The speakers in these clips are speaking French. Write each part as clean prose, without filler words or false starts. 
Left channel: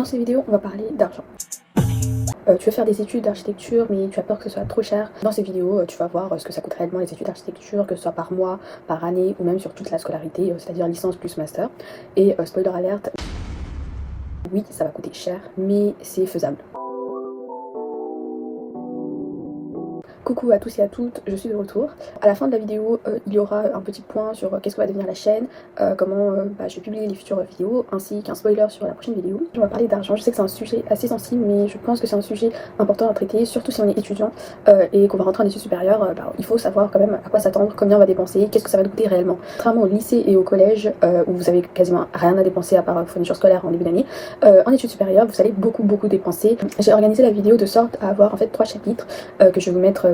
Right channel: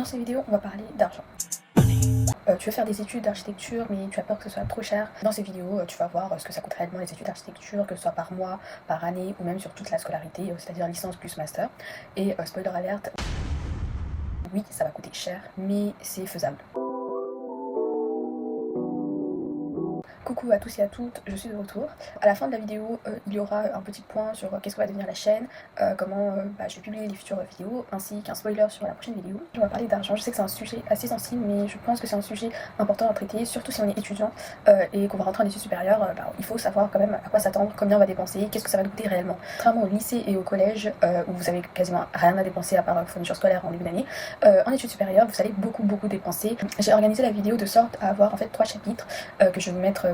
Dans cette vidéo, on va parler d'argent. Tu veux faire des études d'architecture mais tu as peur que ce soit trop cher. Dans ces vidéos, tu vas voir ce que ça coûte réellement les études d'architecture, que ce soit par mois, par année ou même sur toute la scolarité, c'est-à-dire licence plus master. Et spoiler alert, oui, ça va coûter cher, mais c'est faisable. Coucou à tous et à toutes, je suis de retour. À la fin de la vidéo, il y aura un petit point sur qu'est-ce que va devenir la chaîne, comment je vais publier les futures vidéos, ainsi qu'un spoiler sur la prochaine vidéo. On va parler d'argent, je sais que c'est un sujet assez sensible, mais je pense que c'est un sujet important à traiter, surtout si on est étudiant et qu'on va rentrer en études supérieures. Il faut savoir quand même à quoi s'attendre, combien on va dépenser, qu'est-ce que ça va nous coûter réellement. Contrairement au lycée et au collège, où vous avez quasiment rien à dépenser à part fourniture scolaire en début d'année, en études supérieures, vous allez beaucoup dépenser. J'ai organisé la vidéo de sorte à avoir en fait 3 chapitres que je vais vous mettre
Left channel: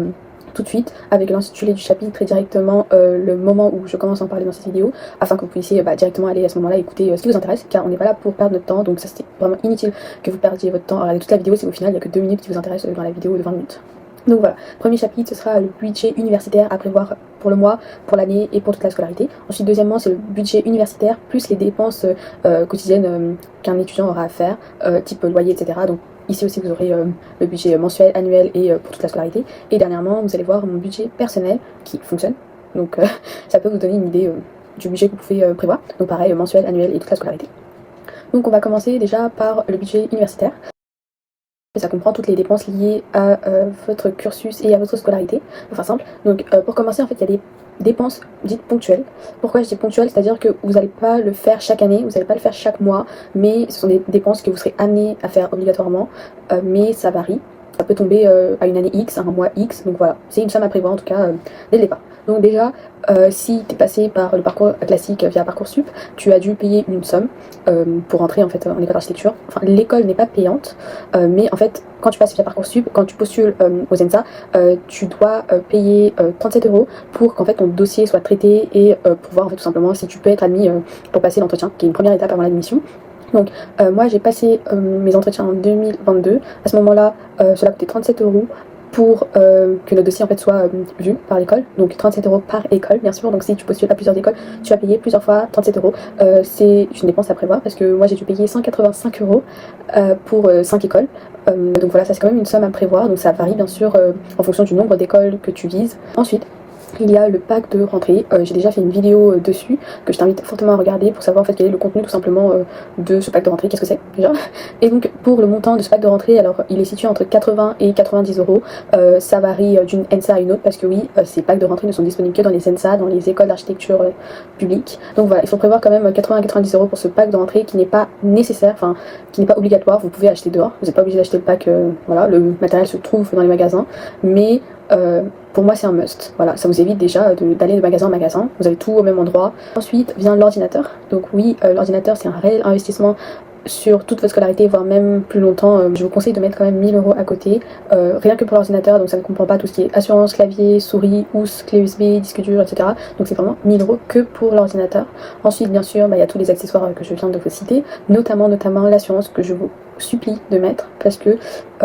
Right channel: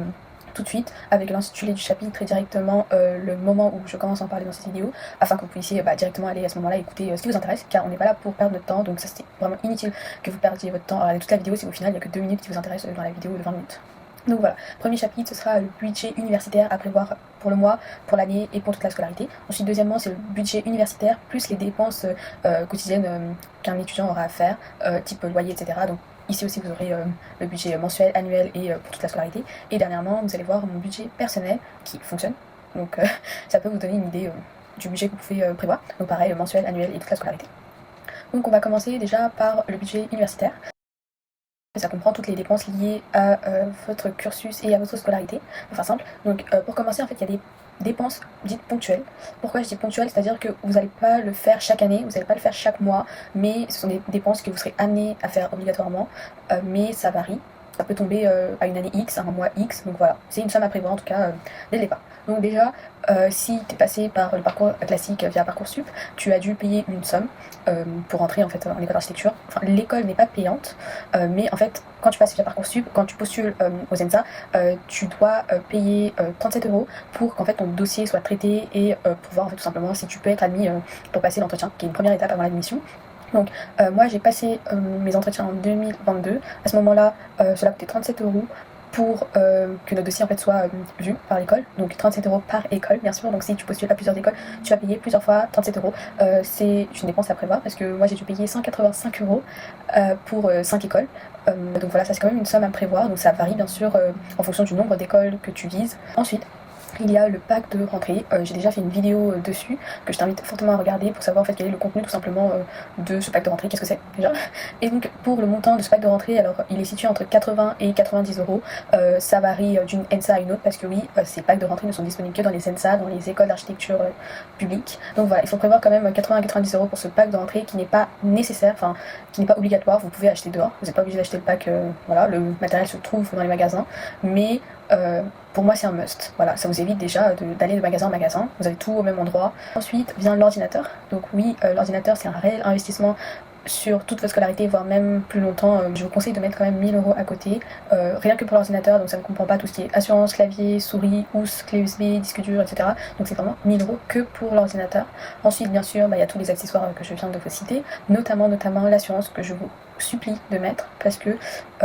tout de suite avec l'intitulé du chapitre et directement le moment où je commence à en parler dans cette vidéo, afin que vous puissiez directement aller à ce moment-là écouter ce qui vous intéresse, car on n'est pas là pour perdre notre temps, donc ça c'était vraiment inutile que vous perdiez votre temps à regarder toute la vidéo si au final il n'y a que 2 minutes qui vous intéressent dans la vidéo de 20 minutes. Donc voilà, premier chapitre, ce sera le budget universitaire à prévoir pour le mois, pour l'année et pour toute la scolarité. Ensuite, deuxièmement, c'est le budget universitaire plus les dépenses quotidiennes qu'un étudiant aura à faire, type loyer, etc. Donc ici aussi, vous aurez le budget mensuel, annuel et pour toute la scolarité. Et dernièrement, vous allez voir mon budget personnel qui fonctionne. Donc ça peut vous donner une idée du budget que vous pouvez prévoir. Donc pareil, mensuel, annuel et toute la scolarité. Donc on va commencer déjà par le budget universitaire. Ça comprend toutes les dépenses liées à votre cursus et à votre scolarité, pour faire simple. Donc pour commencer, en fait, il y a des dépenses dites ponctuelles. Pourquoi je dis ponctuelles? C'est-à-dire que vous n'allez pas le faire chaque année, vous n'allez pas le faire chaque mois, mais ce sont des dépenses que vous serez amené à faire obligatoirement, mais ça varie. Ça peut tomber à une année X, à un mois X, donc voilà, c'est une somme à prévoir en tout cas dès le départ. Donc déjà, si tu es passé par le parcours classique via Parcoursup, tu as dû payer une somme pour entrer en fait en école d'architecture. Enfin, l'école n'est pas payante, mais en fait, quand tu passes via Parcoursup, quand tu postules aux ENSA, tu dois payer 37 € pour qu'en fait ton dossier soit traité et pour voir en fait tout simplement si tu peux être admis pour passer l'entretien, qui est une première étape avant l'admission. Donc moi j'ai passé mes entretiens en 2022. À ce moment-là, cela coûtait 37 € pour que notre dossier en fait soit vu par l'école. Donc 37 € par école bien sûr. Donc si tu postules à plusieurs écoles, tu vas payer plusieurs fois 37 €. C'est une dépense à prévoir parce que moi j'ai dû payer 185 € pour 5 écoles. Donc voilà, ça c'est quand même une somme à prévoir. Donc ça varie bien sûr en fonction du nombre d'écoles que tu vises. Ensuite, il y a le pack de rentrée. J'ai déjà fait une vidéo dessus que je t'invite fortement à regarder pour savoir en fait quel est le contenu tout simplement de ce pack de rentrée, qu'est-ce que c'est déjà. Et donc pour le montant de ce pack de rentrée, alors il est situé entre 80 et 90 €. Ça varie d'une ENSA à une autre parce que oui, ces packs de rentrée ne sont disponibles que dans les ENSA, dans les écoles d'architecture publiques. Donc voilà, il faut prévoir quand même 80 à 90 € pour ce pack de rentrée qui n'est pas nécessaire, enfin qui n'est pas obligatoire. Vous pouvez acheter dehors, vous n'êtes pas obligé d'acheter le pack, voilà, le matériel se trouve dans les magasins, mais pour moi c'est un must. Voilà, ça vous évite déjà d'aller de magasin en magasin, vous avez tout au même endroit. Ensuite vient l'ordinateur. Donc oui, l'ordinateur c'est un réel investissement sur toute votre scolarité, voire même plus longtemps. Je vous conseille de mettre quand même 1000 € à côté, rien que pour l'ordinateur. Donc ça ne comprend pas tout ce qui est assurance, clavier, souris, housse, clé USB, disque dur, etc. Donc c'est vraiment 1000 € que pour l'ordinateur. Ensuite bien sûr, il y a tous les accessoires que je viens de vous citer, notamment l'assurance que je vous supplie de mettre, parce que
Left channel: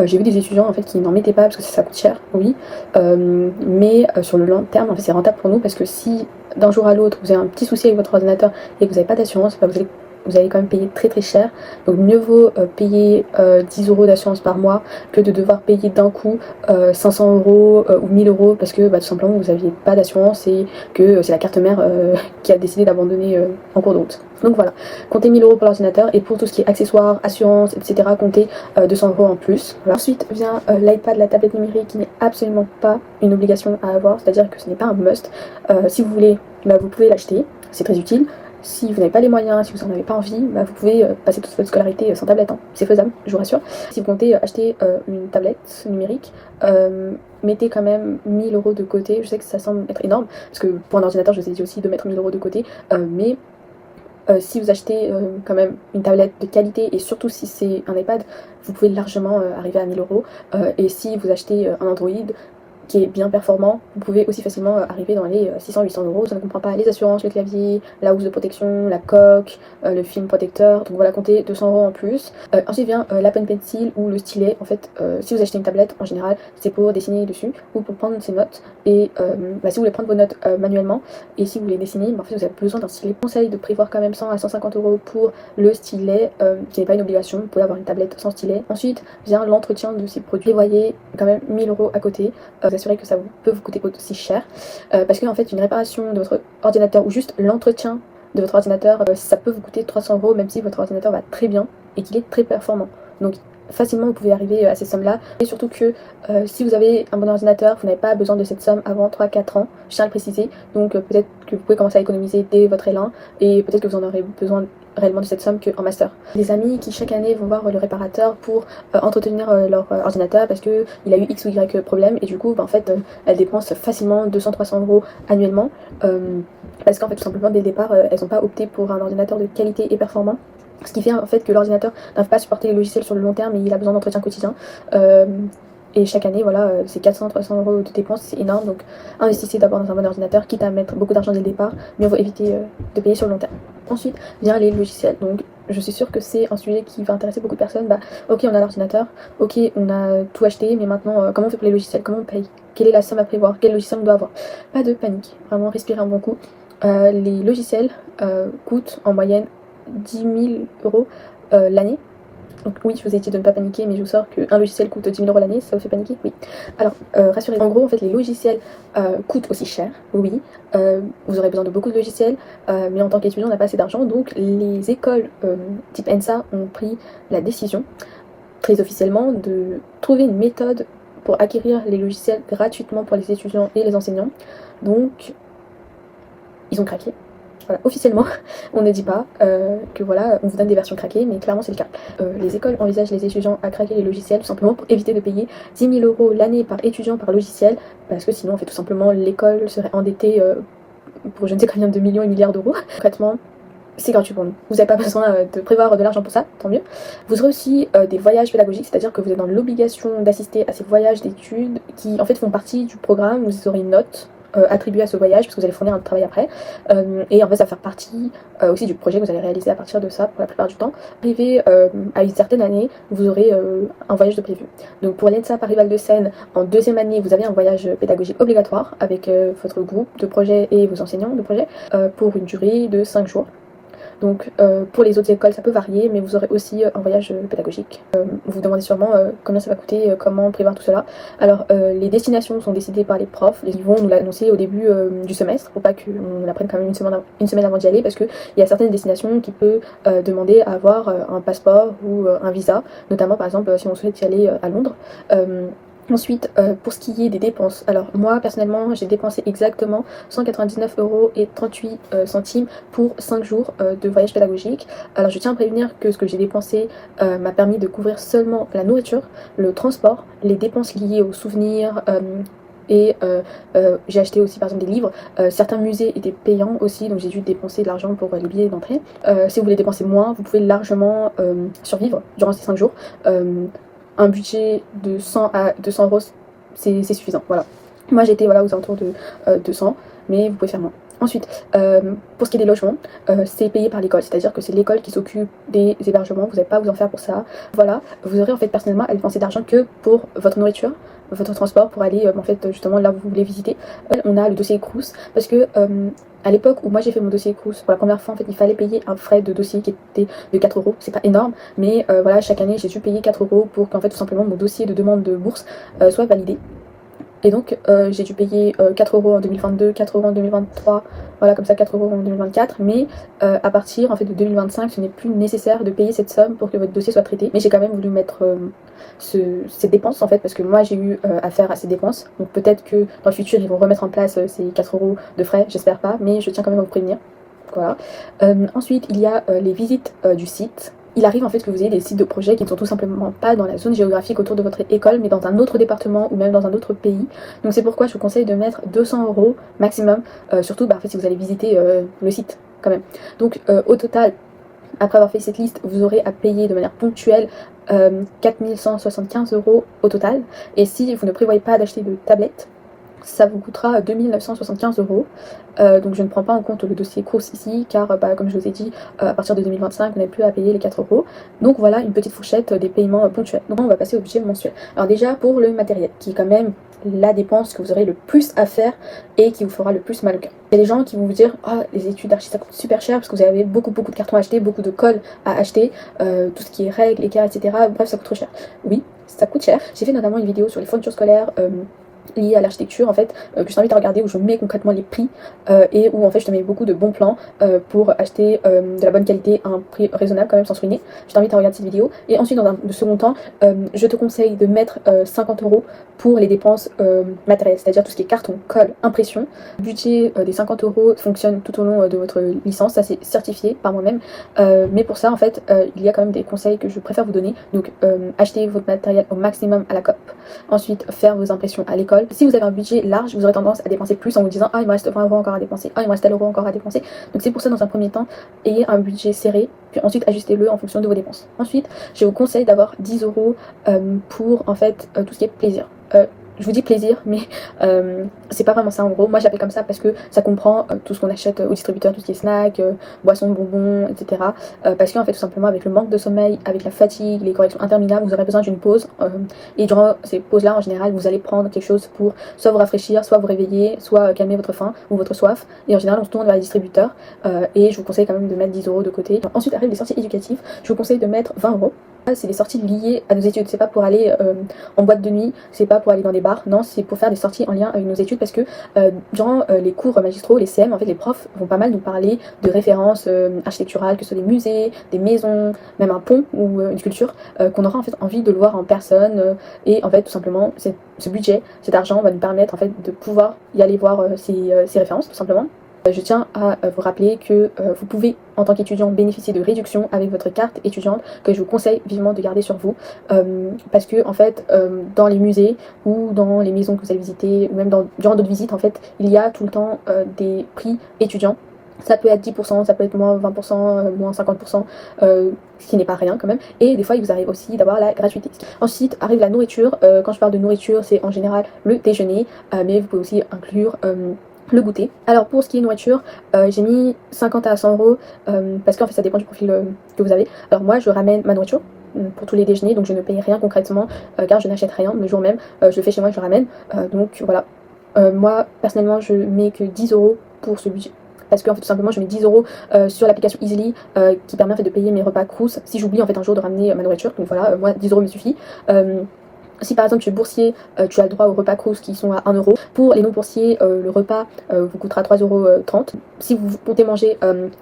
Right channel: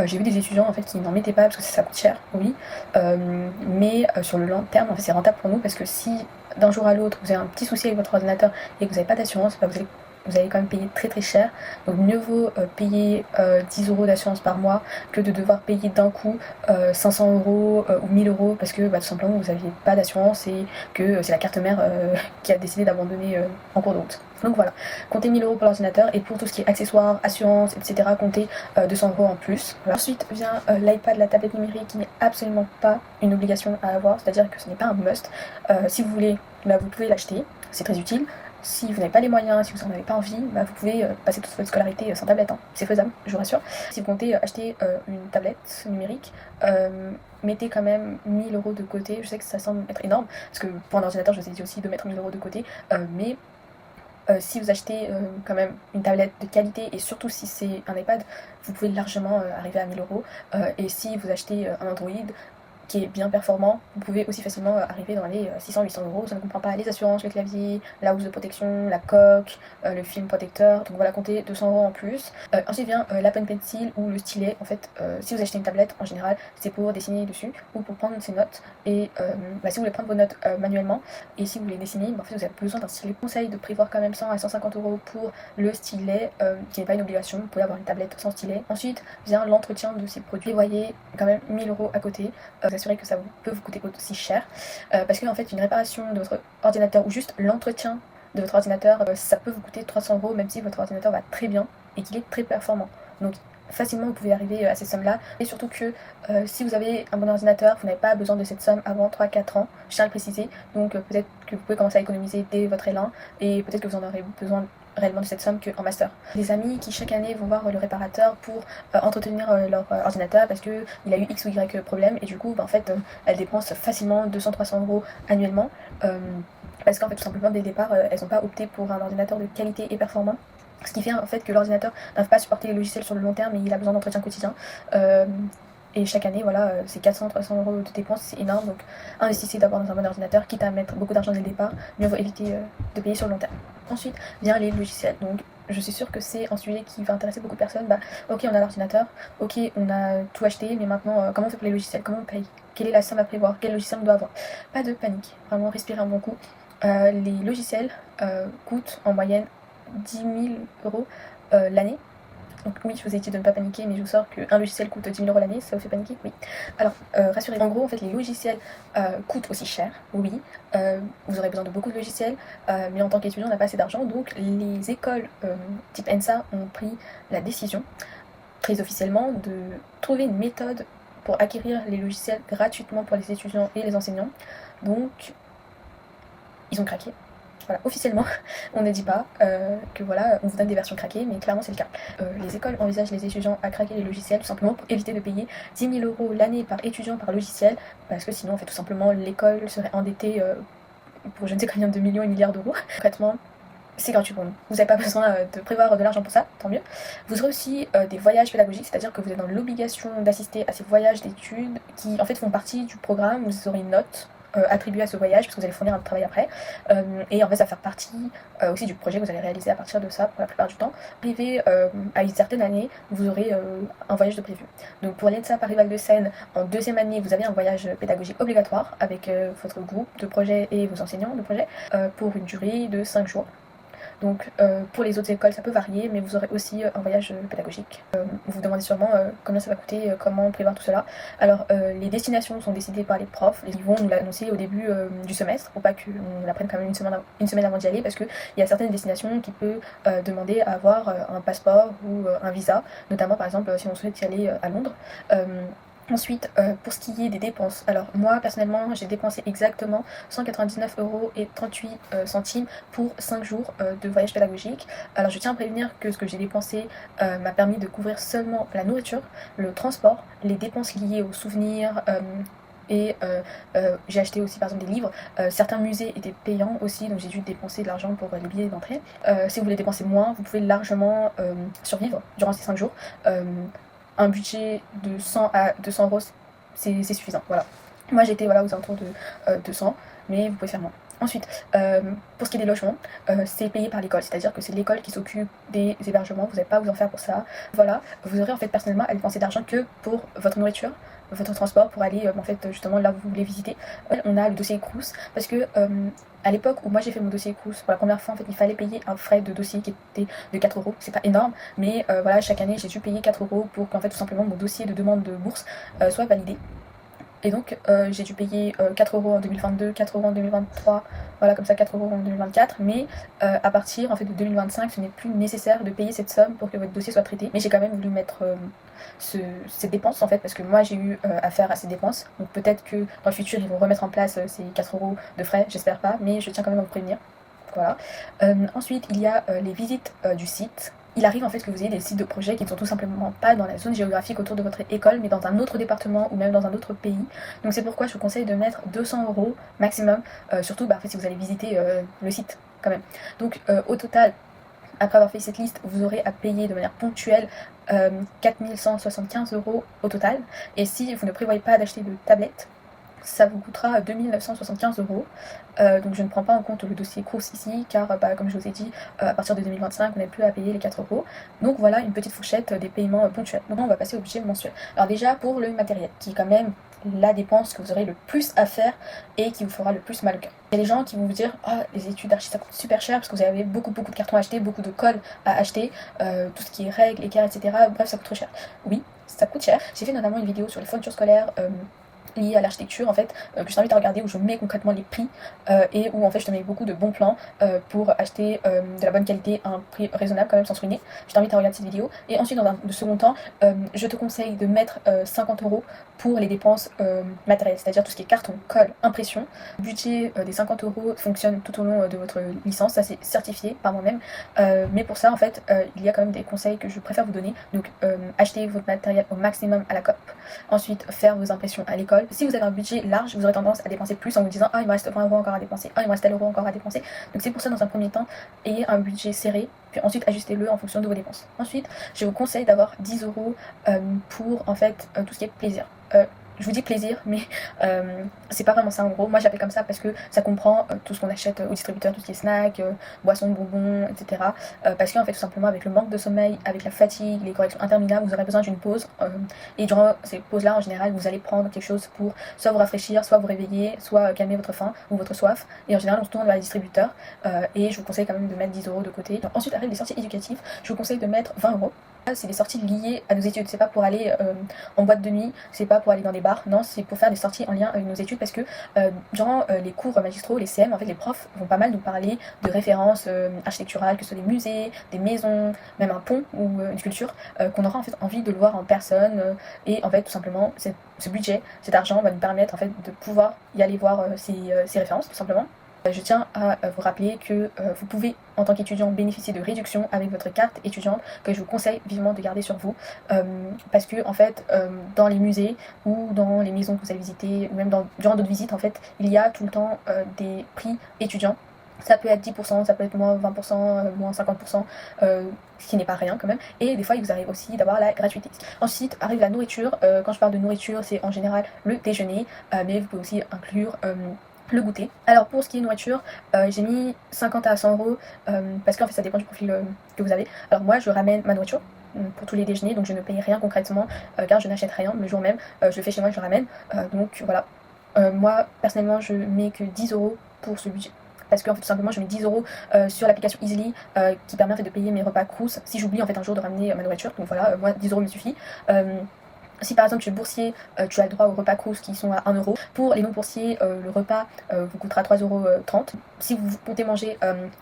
j'ai vu des étudiants en fait qui n'en mettaient pas parce que ça coûte cher, oui, mais sur le long terme en fait c'est rentable pour nous, parce que si d'un jour à l'autre vous avez un petit souci avec votre ordinateur et que vous n'avez pas d'assurance, vous allez quand même payer très très cher. Donc mieux vaut payer 10 € d'assurance par mois que de devoir payer d'un coup 500 € ou 1000 € parce que tout simplement vous n'aviez pas d'assurance et que c'est la carte mère qui a décidé d'abandonner en cours de route. Donc voilà, comptez 1000 € pour l'ordinateur, et pour tout ce qui est accessoires, assurance, etc., comptez 200 € en plus. Voilà. Ensuite vient l'iPad, la tablette numérique, qui n'est absolument pas une obligation à avoir, c'est-à-dire que ce n'est pas un must. Si vous voulez, vous pouvez l'acheter, c'est très utile. Si vous n'avez pas les moyens, si vous n'en avez pas envie, vous pouvez passer toute votre scolarité sans tablette, hein. C'est faisable, je vous rassure. Si vous comptez acheter une tablette numérique, mettez quand même 1000 € de côté. Je sais que ça semble être énorme, parce que pour un ordinateur, je vous ai dit aussi de mettre 1000 € de côté, mais si vous achetez quand même une tablette de qualité, et surtout si c'est un iPad, vous pouvez largement arriver à 1000 €. Et si vous achetez un Android, qui est bien performant, vous pouvez aussi facilement arriver dans les 600-800 euros. Ça ne comprend pas les assurances, le clavier, la housse de protection, la coque, le film protecteur. Donc voilà, comptez 200 euros en plus. Ensuite vient l'Apple Pencil ou le stylet. En fait, si vous achetez une tablette, en général, c'est pour dessiner dessus ou pour prendre ses notes. Et si vous voulez prendre vos notes manuellement et si vous voulez dessiner, en fait, vous avez besoin d'un stylet. Conseil de prévoir quand même 100 à 150 euros pour le stylet, qui n'est pas une obligation. Vous pouvez avoir une tablette sans stylet. Ensuite vient l'entretien de ces produits. Prévoyez quand même 1000 euros à côté. Vous assurez que ça peut vous coûter aussi cher. Parce que en fait, une réparation de votre ordinateur ou juste l'entretien de votre ordinateur, ça peut vous coûter 300 euros, même si votre ordinateur va très bien et qu'il est très performant. Donc facilement vous pouvez arriver à ces sommes là, et surtout que si vous avez un bon ordinateur, vous n'avez pas besoin de cette somme avant 3-4 ans, je tiens à le préciser. Donc peut-être que vous pouvez commencer à économiser dès votre L1 et peut-être que vous en aurez besoin réellement de cette somme qu'en master. Des amis qui chaque année vont voir le réparateur pour entretenir leur ordinateur parce que il a eu X ou Y problème, et du coup en fait elles dépensent facilement 200-300 euros annuellement parce qu'en fait tout simplement dès le départ elles n'ont pas opté pour un ordinateur de qualité et performant. Ce qui fait en fait que l'ordinateur n'arrive pas à supporter les logiciels sur le long terme et il a besoin d'entretien quotidien. Et chaque année, voilà, c'est 400-300 euros de dépenses, c'est énorme. Donc investissez d'abord dans un bon ordinateur, quitte à mettre beaucoup d'argent dès le départ, mieux vaut éviter de payer sur le long terme. Ensuite vient les logiciels. Donc je suis sûre que c'est un sujet qui va intéresser beaucoup de personnes. Ok, on a l'ordinateur, ok, on a tout acheté, mais maintenant comment on fait pour les logiciels? Comment on paye? Quelle est la somme à prévoir? Quel logiciel on doit avoir? Pas de panique, vraiment respirez un bon coup. Les logiciels coûtent en moyenne 10 000 euros l'année. Donc oui, je vous ai dit de ne pas paniquer, mais je vous sors qu'un logiciel coûte 10 000 euros l'année, ça vous fait paniquer? Oui. Alors, rassurez-vous, en gros, en fait, les logiciels coûtent aussi cher, oui. Vous aurez besoin de beaucoup de logiciels, mais en tant qu'étudiant, on n'a pas assez d'argent, donc les écoles type ENSA ont pris la décision, très officiellement, de trouver une méthode pour acquérir les logiciels gratuitement pour les étudiants et les enseignants. Donc, ils ont craqué. Voilà, officiellement, on ne dit pas que voilà, on vous donne des versions craquées, mais clairement c'est le cas. Les écoles envisagent les étudiants à craquer les logiciels tout simplement pour éviter de payer 10 000 euros l'année par étudiant par logiciel, parce que sinon en fait tout simplement l'école serait endettée pour je ne sais combien de millions et milliards d'euros. Concrètement, c'est gratuit pour nous. Vous n'avez pas besoin de prévoir de l'argent pour ça, tant mieux. Vous aurez aussi des voyages pédagogiques, c'est-à-dire que vous êtes dans l'obligation d'assister à ces voyages d'études qui en fait font partie du programme. Vous aurez une note attribué à ce voyage parce que vous allez fournir un travail après, et en fait ça va faire partie aussi du projet que vous allez réaliser à partir de ça pour la plupart du temps. Arrivé à une certaine année, vous aurez un voyage de prévu. Donc pour l'ENSA Paris-Val de Seine, en deuxième année vous avez un voyage pédagogique obligatoire avec votre groupe de projet et vos enseignants de projet pour une durée de 5 jours. Donc pour les autres écoles ça peut varier, mais vous aurez aussi un voyage pédagogique. Vous vous demandez sûrement combien ça va coûter, comment prévoir tout cela. Alors les destinations sont décidées par les profs, ils vont nous l'annoncer au début du semestre pour pas qu'on l'apprenne quand même une semaine avant d'y aller, parce qu'il y a certaines destinations qui peuvent demander à avoir un passeport ou un visa, notamment par exemple si on souhaite y aller à Londres. Ensuite, pour ce qui est des dépenses, alors moi personnellement j'ai dépensé exactement 199 euros et 38 centimes pour 5 jours de voyage pédagogique. Alors je tiens à prévenir que ce que j'ai dépensé m'a permis de couvrir seulement la nourriture, le transport, les dépenses liées aux souvenirs, et j'ai acheté aussi par exemple des livres. Certains musées étaient payants aussi, donc j'ai dû dépenser de l'argent pour les billets d'entrée. Si vous voulez dépenser moins, vous pouvez largement survivre durant ces 5 jours. Un budget de 100 à 200 euros, c'est suffisant. Voilà. Moi j'étais voilà, aux alentours de 200, mais vous pouvez faire moins. Ensuite, pour ce qui est des logements, c'est payé par l'école, c'est-à-dire que c'est l'école qui s'occupe des hébergements, vous n'avez pas à vous en faire pour ça. Voilà, vous aurez en fait personnellement à dépenser d'argent que pour votre nourriture, votre transport pour aller en fait justement là où vous voulez visiter. On a le dossier Crous parce que à l'époque où moi j'ai fait mon dossier Crous pour la première fois, en fait il fallait payer un frais de dossier qui était de 4 euros. C'est pas énorme, mais voilà, chaque année j'ai dû payer 4 euros pour qu'en fait tout simplement mon dossier de demande de bourse soit validé. Et donc j'ai dû payer 4 euros en 2022, 4 euros en 2023, voilà comme ça 4 euros en 2024. Mais à partir en fait de 2025, ce n'est plus nécessaire de payer cette somme pour que votre dossier soit traité. Mais j'ai quand même voulu mettre ces dépenses en fait, parce que moi j'ai eu affaire à ces dépenses. Donc peut-être que dans le futur ils vont remettre en place ces 4 euros de frais, j'espère pas, mais je tiens quand même à vous prévenir. Voilà. Ensuite il y a les visites du site. Il arrive en fait que vous ayez des sites de projet qui ne sont tout simplement pas dans la zone géographique autour de votre école, mais dans un autre département ou même dans un autre pays. Donc c'est pourquoi je vous conseille de mettre 200 euros maximum, surtout en fait, si vous allez visiter le site quand même. Donc au total, après avoir fait cette liste, vous aurez à payer de manière ponctuelle 4175 euros au total. Et si vous ne prévoyez pas d'acheter de tablette, ça vous coûtera 2 975 €. Donc je ne prends pas en compte le dossier course ici car comme je vous ai dit, à partir de 2025 vous n'avez plus à payer les 4 €. Donc voilà une petite fourchette des paiements ponctuels. Donc on va passer au budget mensuel. Alors déjà pour le matériel qui est quand même la dépense que vous aurez le plus à faire et qui vous fera le plus mal au cœur. Il y a des gens qui vont vous dire oh les études d'archi ça coûte super cher parce que vous avez beaucoup de cartons à acheter, beaucoup de colle à acheter, tout ce qui est règles, écarts, etc. Bref ça coûte trop cher. Oui ça coûte cher. J'ai fait notamment une vidéo sur les fournitures scolaires liées à l'architecture en fait, que je t'invite à regarder, où je mets concrètement les prix et où en fait je te mets beaucoup de bons plans pour acheter de la bonne qualité à un prix raisonnable quand même sans se ruiner. Je t'invite à regarder cette vidéo. Et ensuite dans un second temps, je te conseille de mettre 50 € pour les dépenses matérielles, c'est-à-dire tout ce qui est carton, colle, impression. Le budget des 50 € fonctionne tout au long de votre licence, ça c'est certifié par moi-même, mais pour ça en fait il y a quand même des conseils que je préfère vous donner. Donc achetez votre matériel au maximum à la COP, ensuite faire vos impressions à l'école. Si vous avez un budget large, vous aurez tendance à dépenser plus en vous disant ah il me reste 20 € encore à dépenser, ah il me reste tel euro encore à dépenser. Donc c'est pour ça dans un premier temps, ayez un budget serré, puis ensuite ajustez-le en fonction de vos dépenses. Ensuite, je vous conseille d'avoir 10 € pour en fait tout ce qui est plaisir. Je vous dis plaisir, mais c'est pas vraiment ça en gros. Moi j'appelle comme ça parce que ça comprend tout ce qu'on achète au distributeur, tout ce qui est snacks, boissons, bonbons, etc. Parce qu'en fait tout simplement avec le manque de sommeil, avec la fatigue, les corrections interminables, vous aurez besoin d'une pause. Et durant ces pauses-là, en général, vous allez prendre quelque chose pour soit vous rafraîchir, soit vous réveiller, soit calmer votre faim ou votre soif. Et en général, on se tourne vers les distributeurs. Et je vous conseille quand même de mettre 10 € de côté. Ensuite arrivent les sorties éducatives. Je vous conseille de mettre 20 €. C'est des sorties liées à nos études, c'est pas pour aller en boîte de nuit, c'est pas pour aller dans des bars, non, c'est pour faire des sorties en lien avec nos études parce que durant les cours magistraux, les CM, en fait les profs vont pas mal nous parler de références architecturales, que ce soit des musées, des maisons, même un pont ou une sculpture, qu'on aura en fait envie de le voir en personne et en fait tout simplement ce budget, cet argent va nous permettre en fait de pouvoir y aller voir ces références tout simplement. Je tiens à vous rappeler que vous pouvez en tant qu'étudiant bénéficier de réductions avec votre carte étudiante que je vous conseille vivement de garder sur vous parce que en fait dans les musées ou dans les maisons que vous allez visiter ou même durant d'autres visites en fait il y a tout le temps des prix étudiants. Ça peut être 10%, ça peut être moins 20%, moins 50%, ce qui n'est pas rien quand même. Et des fois, il vous arrive aussi d'avoir la gratuité. Ensuite, arrive la nourriture. Quand je parle de nourriture, c'est en général le déjeuner, mais vous pouvez aussi inclure le goûter. Alors pour ce qui est nourriture, j'ai mis 50 à 100 € parce qu'en fait ça dépend du profil que vous avez. Alors moi je ramène ma nourriture pour tous les déjeuners, donc je ne paye rien concrètement car je n'achète rien le jour même, je le fais chez moi, je le ramène, donc voilà. Moi personnellement je mets que 10 € pour ce budget. Parce qu'en fait tout simplement je mets 10 € sur l'application Easily qui permet en fait de payer mes repas Crous si j'oublie en fait un jour de ramener ma nourriture. Donc voilà, moi 10 € me suffit. Si par exemple tu es boursier, tu as le droit aux repas Crous qui sont à 1 €. Pour les non-boursiers, le repas vous coûtera 3,30 €. Si vous comptez manger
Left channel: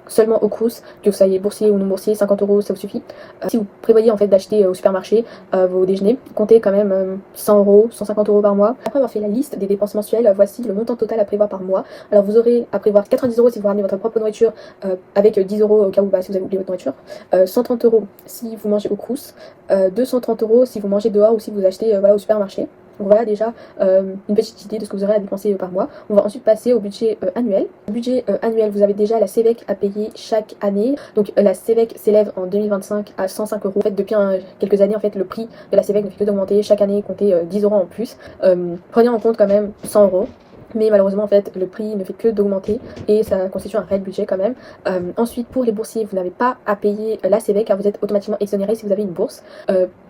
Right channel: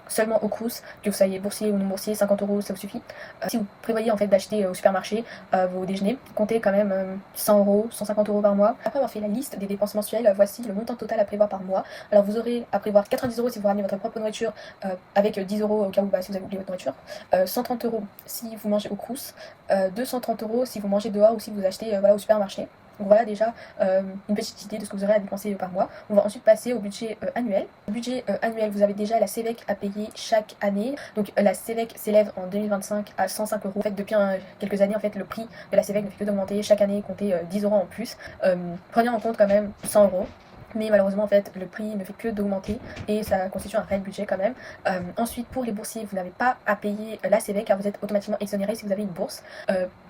seulement au Crous, que vous soyez boursier ou non-boursier, 50 € ça vous suffit. Si vous prévoyez en fait d'acheter au supermarché vos déjeuners, comptez quand même 100 €, 150 € par mois. Après avoir fait la liste des dépenses mensuelles, voici le montant total à prévoir par mois. Alors vous aurez à prévoir 90 € si vous ramenez votre propre nourriture avec 10 € au cas où si vous avez oublié votre nourriture, 130 € si vous mangez au Crous, 230 € si vous mangez dehors ou si vous achetez voilà, au supermarché. Donc voilà déjà une petite idée de ce que vous aurez à dépenser par mois. On va ensuite passer au budget annuel. Le budget annuel, vous avez déjà la CEVEC à payer chaque année. Donc la CEVEC s'élève en 2025 à 105 €. En fait, depuis quelques années, en fait, le prix de la CEVEC ne fait que d'augmenter. Chaque année, comptez 10 € en plus. Prenez en compte quand même 100 €. Mais malheureusement en fait le prix ne fait que d'augmenter et ça constitue un réel budget quand même. Ensuite pour les boursiers vous n'avez pas à payer la CEVEC car vous êtes automatiquement exonéré si vous avez une bourse.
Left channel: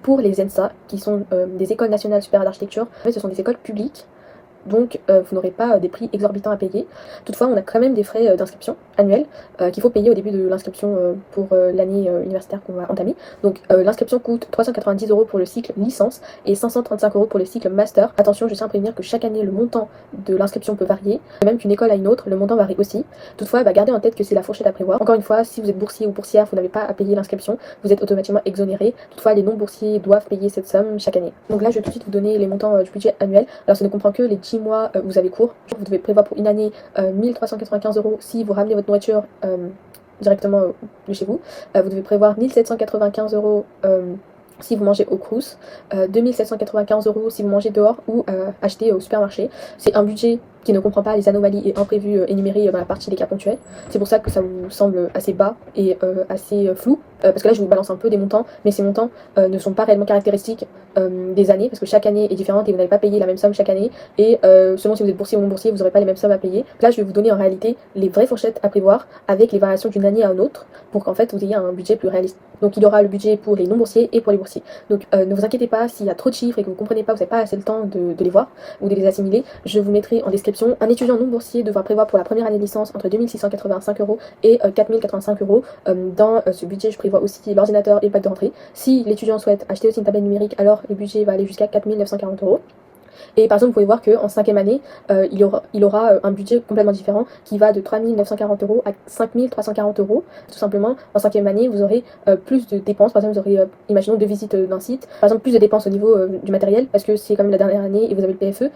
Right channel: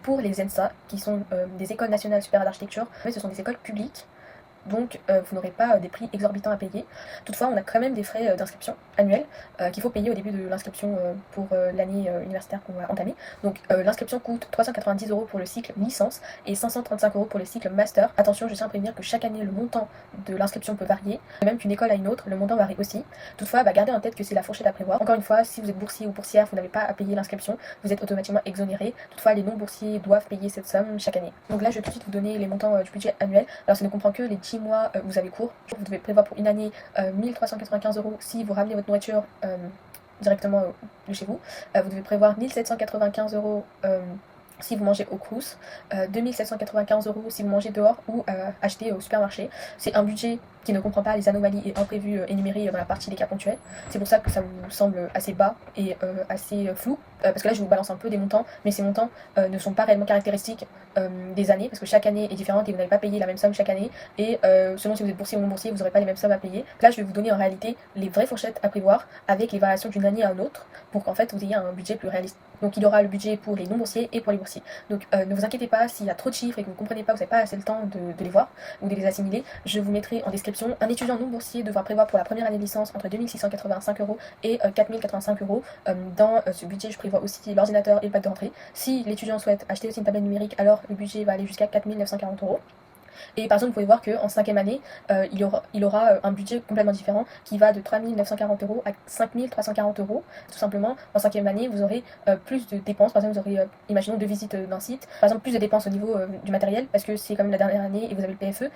Pour les ENSA qui sont des écoles nationales supérieures d'architecture, en fait ce sont des écoles publiques. Donc vous n'aurez pas des prix exorbitants à payer. Toutefois on a quand même des frais d'inscription annuels qu'il faut payer au début de l'inscription pour l'année universitaire qu'on va entamer. Donc l'inscription coûte 390 € pour le cycle licence et 535 € pour le cycle master. Attention, je tiens à prévenir que chaque année le montant de l'inscription peut varier, de même qu'une école à une autre, le montant varie aussi. Toutefois gardez en tête que c'est la fourchette à prévoir. Encore une fois, si vous êtes boursier ou boursière, vous n'avez pas à payer l'inscription, vous êtes automatiquement exonéré. Toutefois les non boursiers doivent payer cette somme chaque année. Donc là je vais tout de suite vous donner les montants du budget annuel. Alors ça ne comprend que les 10 mois où vous avez cours. Vous devez prévoir pour une année 1395 € si vous ramenez votre nourriture directement de chez vous. Vous devez prévoir 1795 € si vous mangez au Crous, 2795 € si vous mangez dehors ou acheter au supermarché. C'est un budget qui ne comprend pas les anomalies et imprévus énumérés dans la partie des cas ponctuels. C'est pour ça que ça vous semble assez bas et assez flou, parce que là je vous balance un peu des montants, mais ces montants ne sont pas réellement caractéristiques des années, parce que chaque année est différente et vous n'allez pas payer la même somme chaque année, et selon si vous êtes boursier ou non boursier, vous n'aurez pas les mêmes sommes à payer. Là je vais vous donner en réalité les vraies fourchettes à prévoir avec les variations d'une année à une autre, pour qu'en fait vous ayez un budget plus réaliste. Donc il y aura le budget pour les non boursiers et pour les boursiers. Donc ne vous inquiétez pas s'il y a trop de chiffres et que vous ne comprenez pas, vous n'avez pas assez le temps de les voir ou de les assimiler. Je vous mettrai en description. Un étudiant non boursier devra prévoir pour la première année de licence entre 2685 € et 4085 €. Dans ce budget, je prévois aussi l'ordinateur et le pack de rentrée. Si l'étudiant souhaite acheter aussi une tablette numérique, alors le budget va aller jusqu'à 4940 €. Et par exemple, vous pouvez voir qu'en 5e année, il aura un budget complètement différent qui va de 3940 € à 5340 €. Tout simplement, en 5e année, vous aurez plus de dépenses. Par exemple, vous aurez, imaginons, 2 visites d'un site. Par exemple, plus de dépenses au niveau du matériel parce que c'est quand même la dernière année et vous avez le PFE.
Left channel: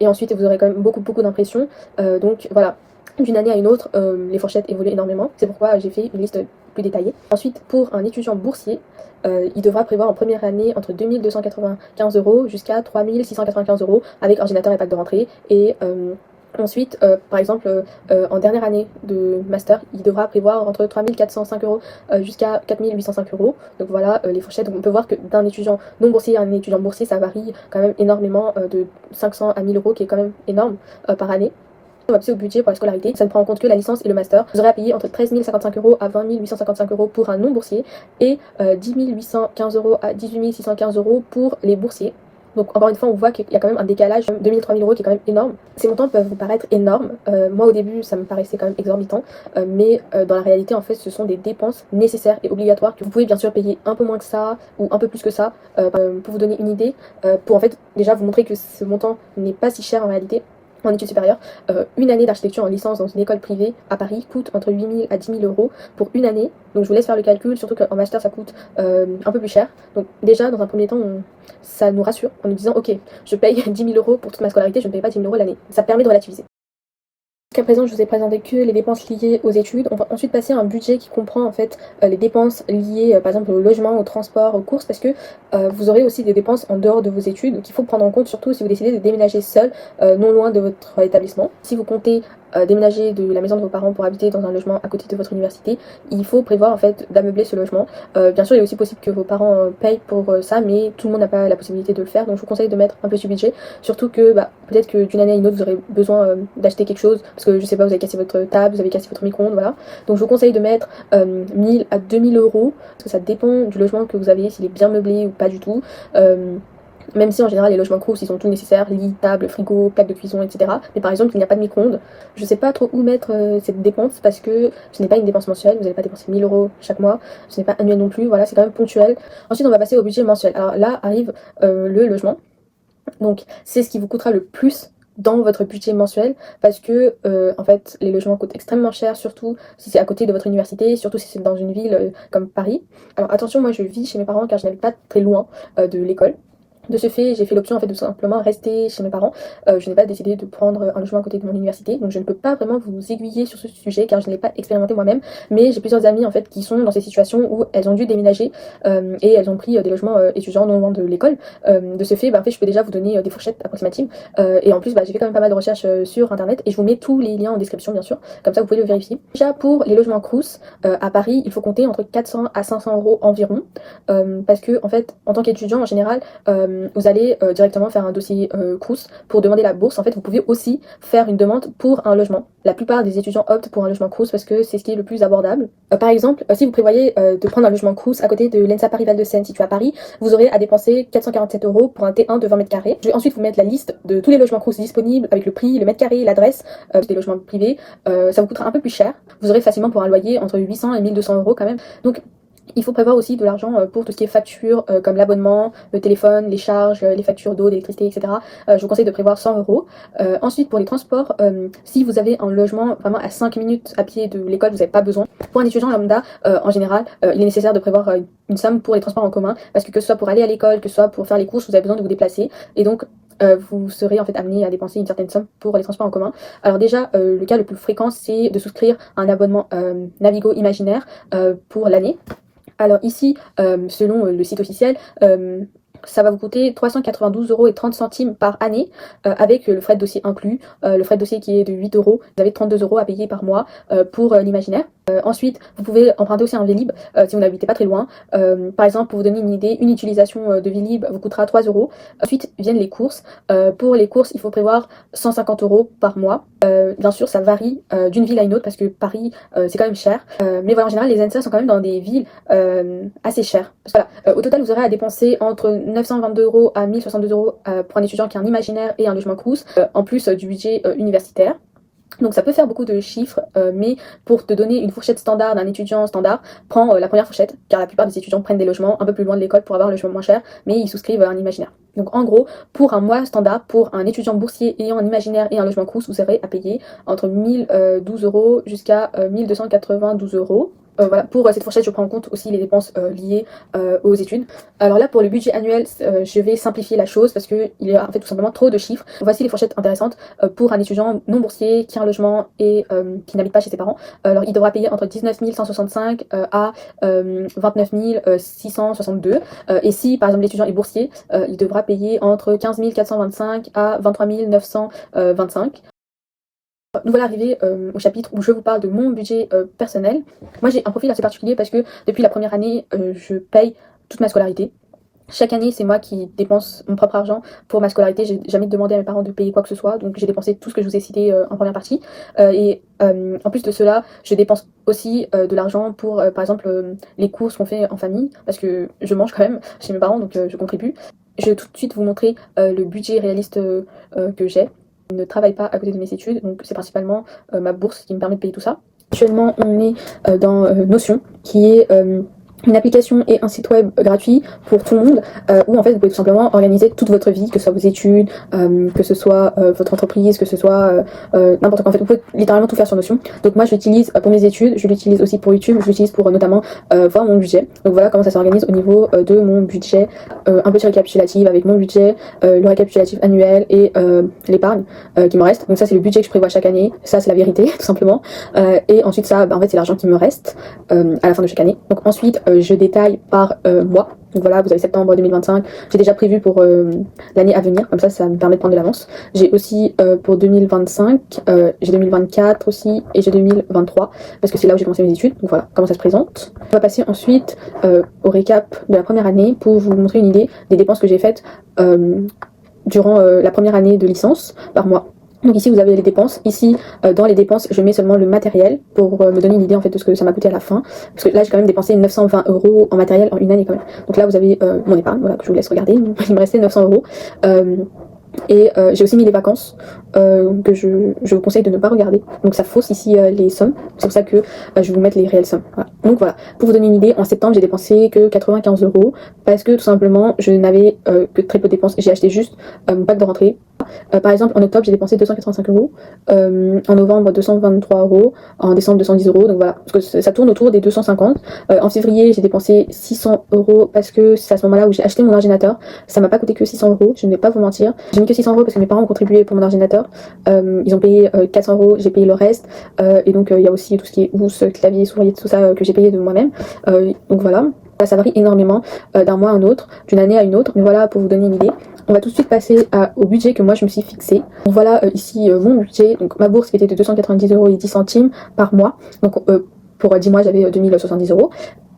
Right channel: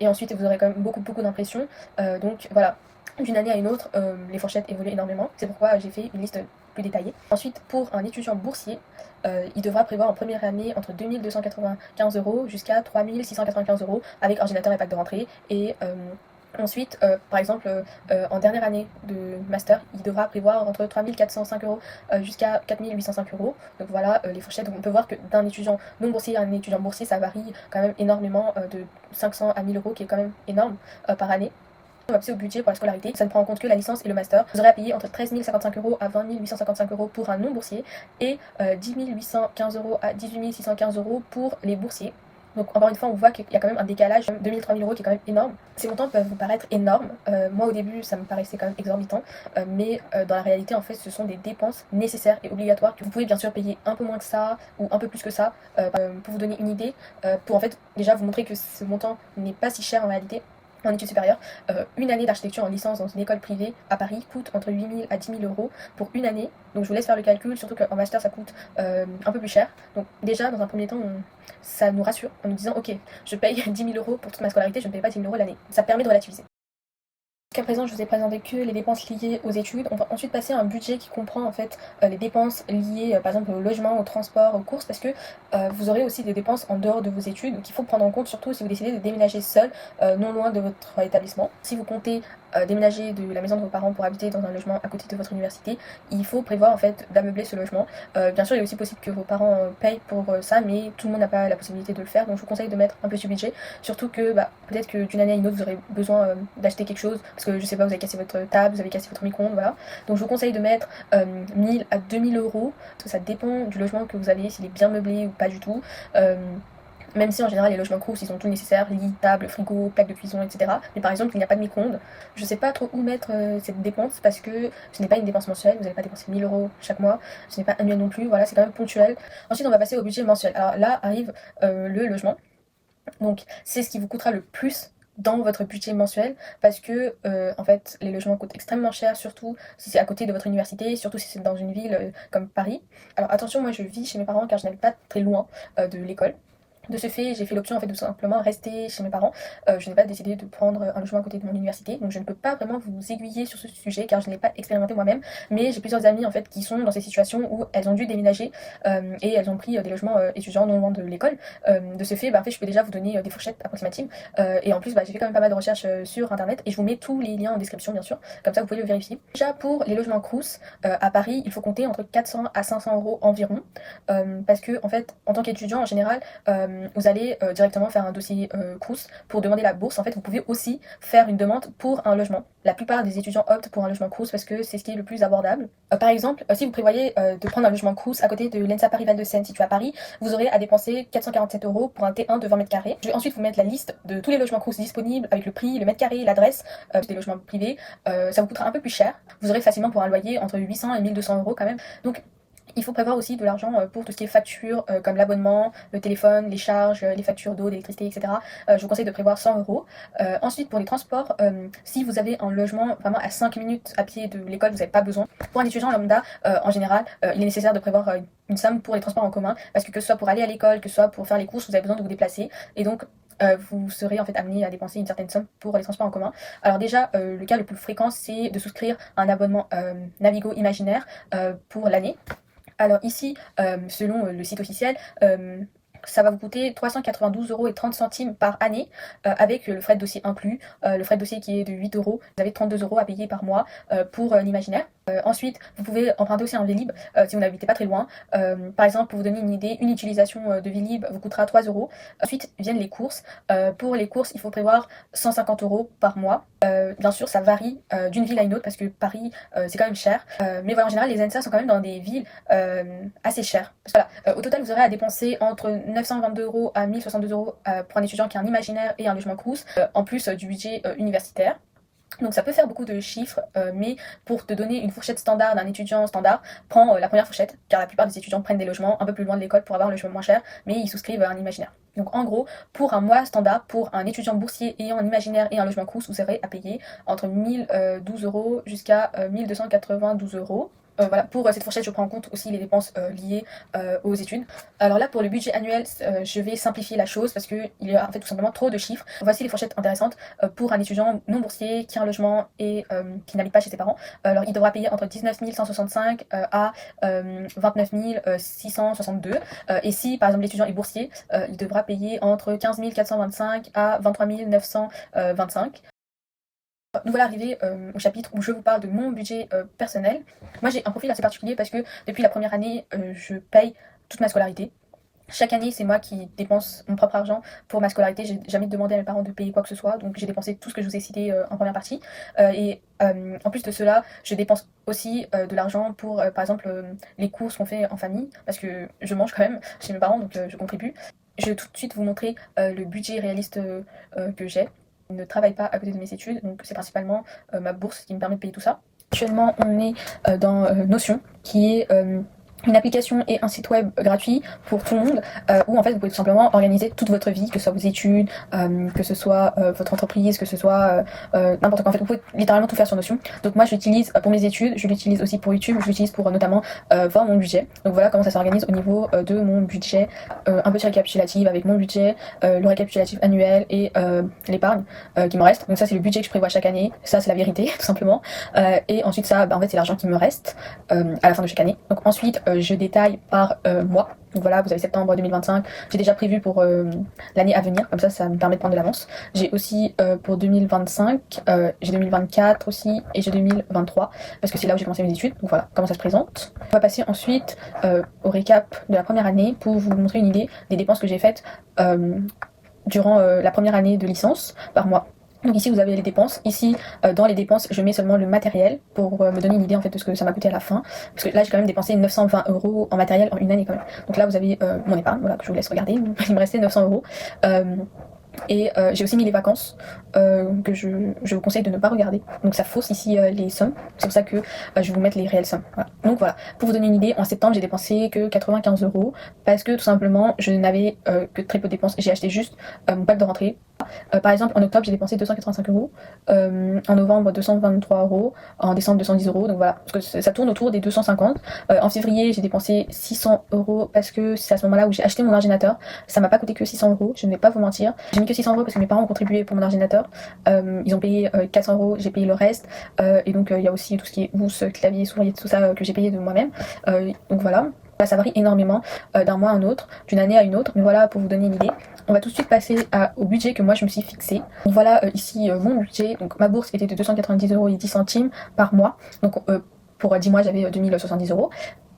Et ensuite, vous aurez quand même beaucoup d'impressions. Donc voilà. D'une année à une autre, les fourchettes évoluent énormément. C'est pourquoi j'ai fait une liste plus détaillée. Ensuite, pour un étudiant boursier, il devra prévoir en première année entre 2295 € jusqu'à 3695 € avec ordinateur et pack de rentrée. Et ensuite, par exemple, en dernière année de master, il devra prévoir entre 3405 € jusqu'à 4805 €. Donc voilà les fourchettes. Donc on peut voir que d'un étudiant non boursier à un étudiant boursier, ça varie quand même énormément de 500 à 1000 € qui est quand même énorme par année. On va passer au budget pour la scolarité. Ça ne prend en compte que la licence et le master. Vous aurez à payer entre 13 055 € à 20 855 € pour un non boursier et 10 815 € à 18 615 € pour les boursiers. Donc encore une fois, on voit qu'il y a quand même un décalage de 2 000 3 000 € qui est quand même énorme. Ces montants peuvent vous paraître énormes. Moi au début, ça me paraissait quand même exorbitant, mais dans la réalité, en fait, ce sont des dépenses nécessaires et obligatoires que vous pouvez bien sûr payer un peu moins que ça ou un peu plus que ça pour vous donner une idée, pour en fait déjà vous montrer que ce montant n'est pas si cher en réalité. En études supérieures, une année d'architecture en licence dans une école privée à Paris coûte entre 8 000 à 10 000 € pour une année. Donc je vous laisse faire le calcul, surtout qu'en master ça coûte un peu plus cher. Donc déjà dans un premier temps, ça nous rassure en nous disant ok, je paye 10 000 € pour toute ma scolarité, je ne paye pas 10 000 € l'année. Ça permet de relativiser. Jusqu'à présent, je vous ai présenté que les dépenses liées aux études. On va ensuite passer à un budget qui comprend en fait les dépenses liées par exemple au logement, au transport, aux courses, parce que vous aurez aussi des dépenses en dehors de vos études qu'il faut prendre en compte, surtout si vous décidez de déménager seul, non loin de votre établissement. Si vous comptez déménager de la maison de vos parents pour habiter dans un logement à côté de votre université, il faut prévoir en fait d'ameubler ce logement. Bien sûr, il est aussi possible que vos parents payent pour ça, mais tout le monde n'a pas la possibilité de le faire, donc je vous conseille de mettre un peu ce budget, surtout que peut-être que d'une année à une autre vous aurez besoin d'acheter quelque chose, parce que je sais pas, vous avez cassé votre table, vous avez cassé votre micro-ondes, voilà. Donc je vous conseille de mettre 1000 à 2000 €, parce que ça dépend du logement que vous avez, s'il est bien meublé ou pas du tout. Même si en général les logements Crous ils ont tout nécessaire, lit, table, frigo, plaque de cuisson, etc. Mais par exemple il n'y a pas de micro-ondes. Je sais pas trop où mettre cette dépense parce que ce n'est pas une dépense mensuelle, vous n'allez pas dépenser 1000 € chaque mois, ce n'est pas annuel non plus, voilà, c'est quand même ponctuel. Ensuite on va passer au budget mensuel. Alors là arrive le logement. Donc c'est ce qui vous coûtera le plus dans votre budget mensuel parce que en fait les logements coûtent extrêmement cher, surtout si c'est à côté de votre université, surtout si c'est dans une ville comme Paris. Alors attention, moi je vis chez mes parents car je n'habite pas très loin de l'école. De ce fait, j'ai fait l'option en fait de tout simplement rester chez mes parents. Je n'ai pas décidé de prendre un logement à côté de mon université, donc je ne peux pas vraiment vous aiguiller sur ce sujet car je ne l'ai pas expérimenté moi-même. Mais j'ai plusieurs amies en fait qui sont dans ces situations où elles ont dû déménager et elles ont pris des logements étudiants non loin de l'école. De ce fait, en fait, je peux déjà vous donner des fourchettes approximatives. Et en plus, j'ai fait quand même pas mal de recherches sur internet et je vous mets tous les liens en description bien sûr, comme ça vous pouvez le vérifier. Déjà pour les logements Crous à Paris, il faut compter entre 400 à 500 € environ parce que en fait, en tant qu'étudiant en général, vous allez directement faire un dossier Crous pour demander la bourse. En fait, vous pouvez aussi faire une demande pour un logement. La plupart des étudiants optent pour un logement Crous parce que c'est ce qui est le plus abordable. Par exemple, si vous prévoyez de prendre un logement Crous à côté de l'ENSA Paris Val de Seine situé à Paris, vous aurez à dépenser 447 € pour un T1 de 20 m². Je vais ensuite vous mettre la liste de tous les logements Crous disponibles avec le prix, le mètre carré, l'adresse des logements privés. Ça vous coûtera un peu plus cher. Vous aurez facilement pour un loyer entre 800 et 1200 € quand même. Donc il faut prévoir aussi de l'argent pour tout ce qui est factures comme l'abonnement, le téléphone, les charges, les factures d'eau, d'électricité, etc. Je vous conseille de prévoir 100 €. Ensuite pour les transports, si vous avez un logement vraiment à 5 minutes à pied de l'école, vous n'avez pas besoin. Pour un étudiant lambda, en général, il est nécessaire de prévoir une somme pour les transports en commun parce que ce soit pour aller à l'école, que ce soit pour faire les courses, vous avez besoin de vous déplacer et donc vous serez en fait amené à dépenser une certaine somme pour les transports en commun. Alors déjà, le cas le plus fréquent, c'est de souscrire un abonnement Navigo Imaginaire pour l'année. Alors ici, selon le site officiel, ça va vous coûter 392,30 € par année avec le frais de dossier inclus. Le frais de dossier qui est de 8 €. Vous avez 32 € à payer par mois pour l'imaginaire. Ensuite, vous pouvez emprunter aussi un Vélib si vous n'habitez pas très loin. Par exemple, pour vous donner une idée, une utilisation de Vélib vous coûtera 3 €. Ensuite viennent les courses. Pour les courses, il faut prévoir 150 € par mois. Bien sûr, ça varie d'une ville à une autre parce que Paris, c'est quand même cher. Mais voilà, en général, les ENSA sont quand même dans des villes assez chères. Voilà, au total, vous aurez à dépenser entre 922 € à 1062 € pour un étudiant qui a un imaginaire et un logement Crous, en plus du budget universitaire. Donc ça peut faire beaucoup de chiffres, mais pour te donner une fourchette standard d'un étudiant standard, prends la première fourchette, car la plupart des étudiants prennent des logements un peu plus loin de l'école pour avoir un logement moins cher, mais ils souscrivent à un imaginaire. Donc en gros, pour un mois standard, pour un étudiant boursier ayant un imaginaire et un logement Crous, vous aurez à payer entre 1012 € jusqu'à 1292 €. Voilà, pour cette fourchette, je prends en compte aussi les dépenses liées aux études. Alors là, pour le budget annuel, je vais simplifier la chose parce qu'il y a en fait tout simplement trop de chiffres. Voici les fourchettes intéressantes pour un étudiant non boursier qui a un logement et qui n'habite pas chez ses parents. Alors il devra payer entre 19 165 à 29 662. Et si par exemple l'étudiant est boursier, il devra payer entre 15 425 à 23 925. Nous voilà arrivés au chapitre où je vous parle de mon budget personnel. Moi j'ai un profil assez particulier parce que depuis la première année, je paye toute ma scolarité. Chaque année, c'est moi qui dépense mon propre argent pour ma scolarité. J'ai jamais demandé à mes parents de payer quoi que ce soit, donc j'ai dépensé tout ce que je vous ai cité en première partie. En plus de cela, je dépense aussi de l'argent pour, par exemple, les courses qu'on fait en famille, parce que je mange quand même chez mes parents, donc je contribue. Je vais tout de suite vous montrer le budget réaliste que j'ai. Je ne travaille pas à côté de mes études, donc c'est principalement ma bourse qui me permet de payer tout ça. Actuellement, on est dans Notion, qui est une application et un site web gratuit pour tout le monde où en fait vous pouvez tout simplement organiser toute votre vie, que ce soit vos études, que ce soit votre entreprise, que ce soit n'importe quoi. En fait, vous pouvez littéralement tout faire sur Notion. Donc moi je l'utilise pour mes études, je l'utilise aussi pour YouTube, je l'utilise pour notamment voir mon budget. Donc voilà comment ça s'organise au niveau de mon budget, un petit récapitulatif avec mon budget, le récapitulatif annuel et l'épargne qui me reste. Donc ça c'est le budget que je prévois chaque année, ça c'est la vérité tout simplement. Et ensuite ça, en fait c'est l'argent qui me reste à la fin de chaque année. Donc ensuite je détaille par mois. Donc voilà, vous avez septembre 2025. J'ai déjà prévu pour l'année à venir, comme ça me permet de prendre de l'avance. J'ai aussi pour 2025, j'ai 2024 aussi, et j'ai 2023, parce que c'est là où j'ai commencé mes études. Donc voilà, comment ça se présente. On va passer ensuite au récap de la première année pour vous montrer une idée des dépenses que j'ai faites durant la première année de licence par mois. Donc ici vous avez les dépenses, ici dans les dépenses je mets seulement le matériel pour me donner une idée en fait de ce que ça m'a coûté à la fin, parce que là j'ai quand même dépensé 920 € en matériel en une année quand même. Donc là vous avez mon épargne, voilà, que je vous laisse regarder, il me restait 900 €. Et j'ai aussi mis les vacances que je vous conseille de ne pas regarder. Donc ça fausse ici les sommes. C'est pour ça que je vais vous mettre les réelles sommes. Voilà. Donc voilà, pour vous donner une idée, en septembre j'ai dépensé que 95 € parce que tout simplement je n'avais que très peu de dépenses. J'ai acheté juste mon pack de rentrée. Par exemple en octobre j'ai dépensé 285 €, en novembre 223 €, en décembre 210 €. Donc voilà, parce que ça tourne autour des 250. En février j'ai dépensé 600 € parce que c'est à ce moment-là où j'ai acheté mon ordinateur. Ça m'a pas coûté que 600 €, je ne vais pas vous mentir. J'ai mis que 600 € parce que mes parents ont contribué pour mon ordinateur. Ils ont payé 400 €, j'ai payé le reste. Et donc il y a aussi tout ce qui est housse, clavier, souris, tout ça que j'ai payé de moi-même. Donc voilà. Ça varie énormément d'un mois à un autre, d'une année à une autre, mais voilà pour vous donner une idée. On va tout de suite passer au budget que moi je me suis fixé. Donc voilà ici mon budget. Donc ma bourse était de 290 € et 10 centimes par mois. Donc pour 10 mois j'avais 2070 €.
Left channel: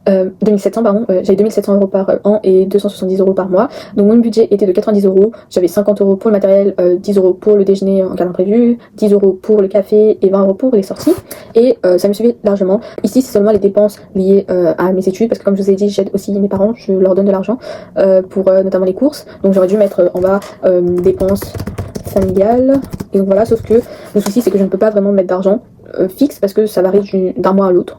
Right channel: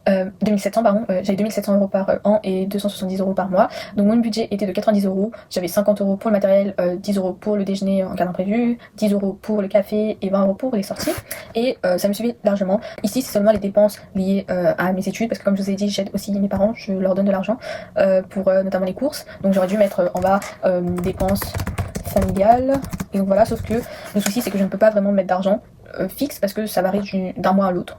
2700 pardon, j'avais 2700 € par an et 270 € par mois. Donc mon budget était de 90 €. J'avais 50 € pour le matériel, 10 € pour le déjeuner en cas d'imprévu, 10 € pour le café et 20 € pour les sorties. Et ça me suivait largement. Ici c'est seulement les dépenses liées à mes études, parce que comme je vous ai dit j'aide aussi mes parents, je leur donne de l'argent pour notamment les courses. Donc j'aurais dû mettre en bas dépenses familiales. Et donc voilà, sauf que le souci c'est que je ne peux pas vraiment mettre d'argent fixe parce que ça varie d'un mois à l'autre.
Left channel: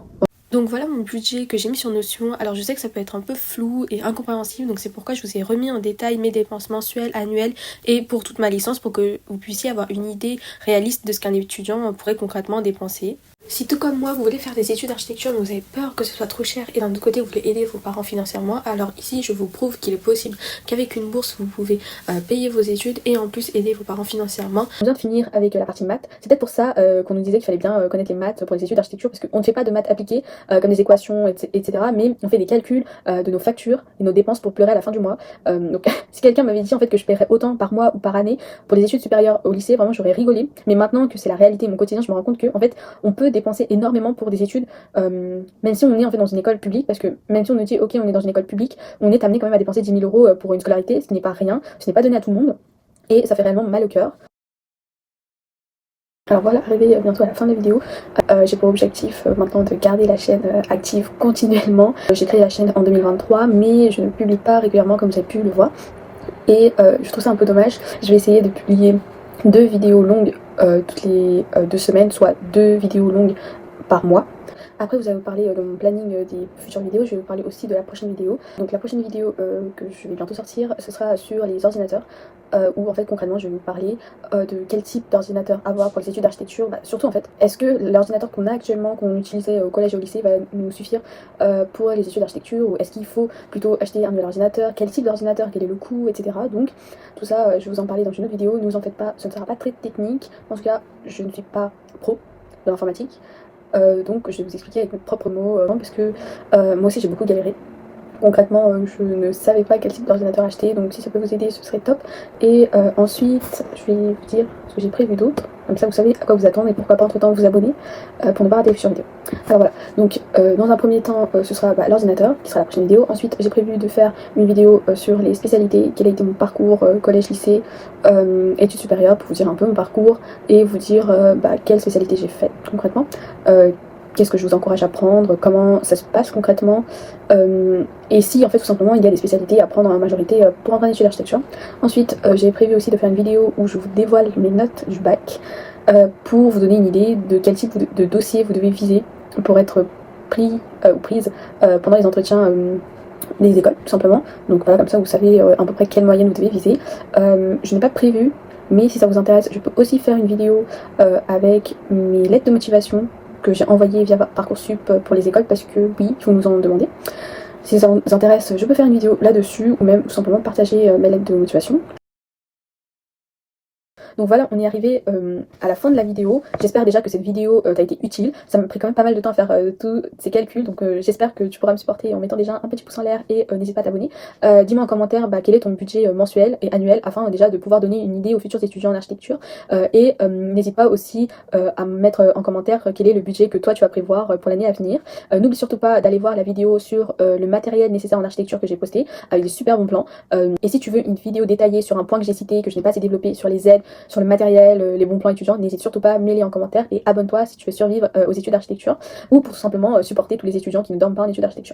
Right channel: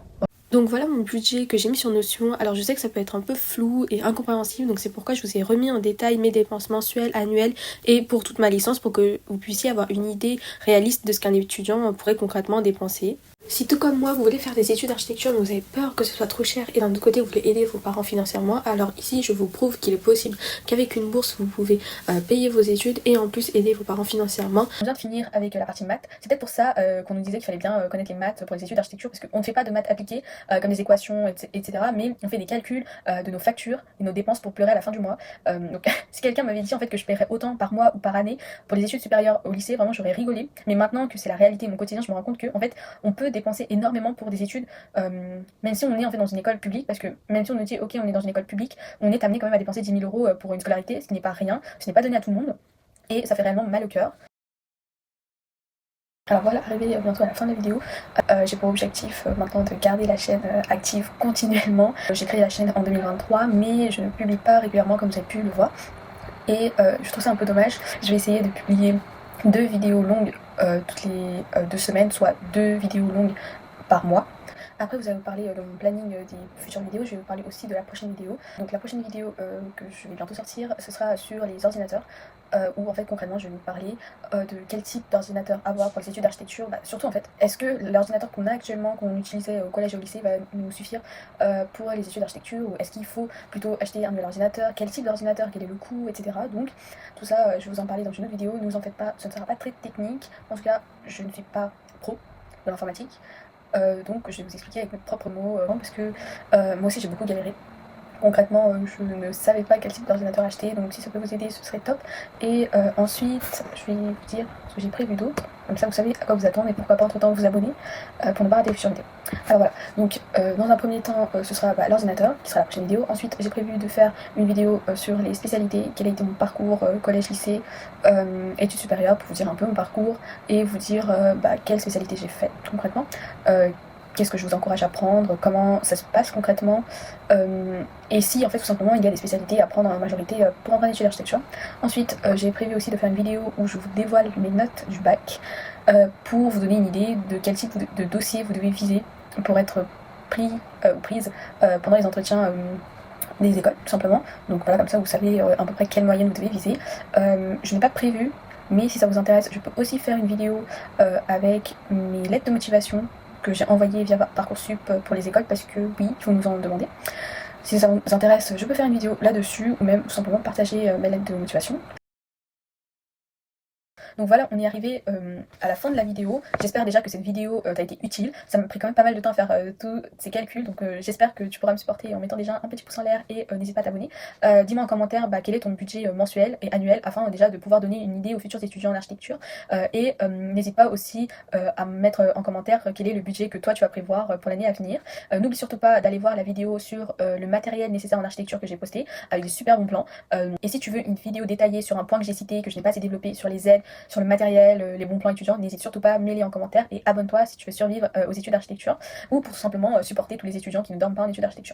Donc voilà mon budget que j'ai mis sur Notion. Alors je sais que ça peut être un peu flou et incompréhensible, donc c'est pourquoi je vous ai remis en détail mes dépenses mensuelles, annuelles et pour toute ma licence, pour que vous puissiez avoir une idée réaliste de ce qu'un étudiant pourrait concrètement dépenser. Si tout comme moi vous voulez faire des études d'architecture mais vous avez peur que ce soit trop cher et d'un autre côté vous voulez aider vos parents financièrement, alors ici je vous prouve qu'il est possible qu'avec une bourse vous pouvez payer vos études et en plus aider vos parents financièrement. On vient de finir avec la partie maths, c'est peut-être pour ça qu'on nous disait qu'il fallait bien connaître les maths pour les études d'architecture, parce qu'on ne fait pas de maths appliquées comme des équations etc, mais on fait des calculs de nos factures et nos dépenses pour pleurer à la fin du mois. Donc si quelqu'un m'avait dit en fait que je paierais autant par mois ou par année pour les études supérieures au lycée, vraiment j'aurais rigolé, mais maintenant que c'est la réalité, mon quotidien, je me rends compte que en fait on peut dépenser énormément pour des études, même si on est en fait dans une école publique, parce que même si on nous dit ok on est dans une école publique, on est amené quand même à dépenser 10 000 euros pour une scolarité, ce qui n'est pas rien, ce n'est pas donné à tout le monde, et ça fait réellement mal au cœur. Alors voilà, arrivé bientôt à la fin de la vidéo, j'ai pour objectif maintenant de garder la chaîne active continuellement. J'ai créé la chaîne en 2023 mais je ne publie pas régulièrement comme vous avez pu le voir, et je trouve ça un peu dommage. Je vais essayer de publier 2 vidéos longues toutes les 2 semaines, soit 2 vidéos longues par mois. Après vous avez parlé de mon planning des futures vidéos, je vais vous parler aussi de la prochaine vidéo. Donc la prochaine vidéo que je vais bientôt sortir, ce sera sur les ordinateurs, où en fait concrètement je vais vous parler de quel type d'ordinateur avoir pour les études d'architecture. Surtout en fait, est-ce que l'ordinateur qu'on a actuellement, qu'on utilisait au collège et au lycée, va nous suffire pour les études d'architecture, ou est-ce qu'il faut plutôt acheter un nouvel ordinateur, quel type d'ordinateur, quel est le coût, etc. Donc tout ça je vais vous en parler dans une autre vidéo, ne vous en faites pas, ce ne sera pas très technique, en tout cas je ne suis pas pro de l'informatique. Donc je vais vous expliquer avec mes propres mots, parce que moi aussi j'ai beaucoup galéré. Concrètement je ne savais pas quel type d'ordinateur acheter, donc si ça peut vous aider ce serait top. Et ensuite je vais vous dire ce que j'ai prévu d'autre, comme ça vous savez à quoi vous attendre et pourquoi pas entre temps vous abonner pour ne pas rater les futures vidéos. Alors voilà, donc dans un premier temps ce sera l'ordinateur qui sera la prochaine vidéo. Ensuite j'ai prévu de faire une vidéo sur les spécialités, quel a été mon parcours collège, lycée, études supérieures, pour vous dire un peu mon parcours et vous dire quelle spécialité j'ai fait concrètement, qu'est-ce que je vous encourage à prendre, comment ça se passe concrètement, et si en fait tout simplement il y a des spécialités à prendre en majorité pour entrer en études d'architecture. Ensuite j'ai prévu aussi de faire une vidéo où je vous dévoile mes notes du bac, pour vous donner une idée de quel type de dossier vous devez viser pour être pris ou prise pendant les entretiens des écoles tout simplement. Donc voilà, comme ça vous savez à peu près quelle moyenne vous devez viser. Je n'ai pas prévu, mais si ça vous intéresse je peux aussi faire une vidéo avec mes lettres de motivation que j'ai envoyé via Parcoursup pour les écoles, parce que oui, il faut nous en demander. Si ça vous intéresse, je peux faire une vidéo là-dessus, ou même tout simplement partager mes lettres de motivation. Donc voilà, on est arrivé à la fin de la vidéo. J'espère déjà que cette vidéo t'a été utile. Ça m'a pris quand même pas mal de temps à faire tous ces calculs, donc j'espère que tu pourras me supporter en mettant déjà un petit pouce en l'air, et n'hésite pas à t'abonner. Dis-moi en commentaire quel est ton budget mensuel et annuel, afin déjà de pouvoir donner une idée aux futurs étudiants en architecture, et n'hésite pas aussi à me mettre en commentaire quel est le budget que toi tu vas prévoir pour l'année à venir. N'oublie surtout pas d'aller voir la vidéo sur le matériel nécessaire en architecture que j'ai posté, avec des super bons plans. Et si tu veux une vidéo détaillée sur un point que j'ai cité, que je n'ai pas assez développé, sur les aides, sur le matériel, les bons plans étudiants, n'hésite surtout pas à me les en commentaire, et abonne-toi si tu veux survivre aux études d'architecture, ou pour tout simplement supporter tous les étudiants qui ne dorment pas en études d'architecture.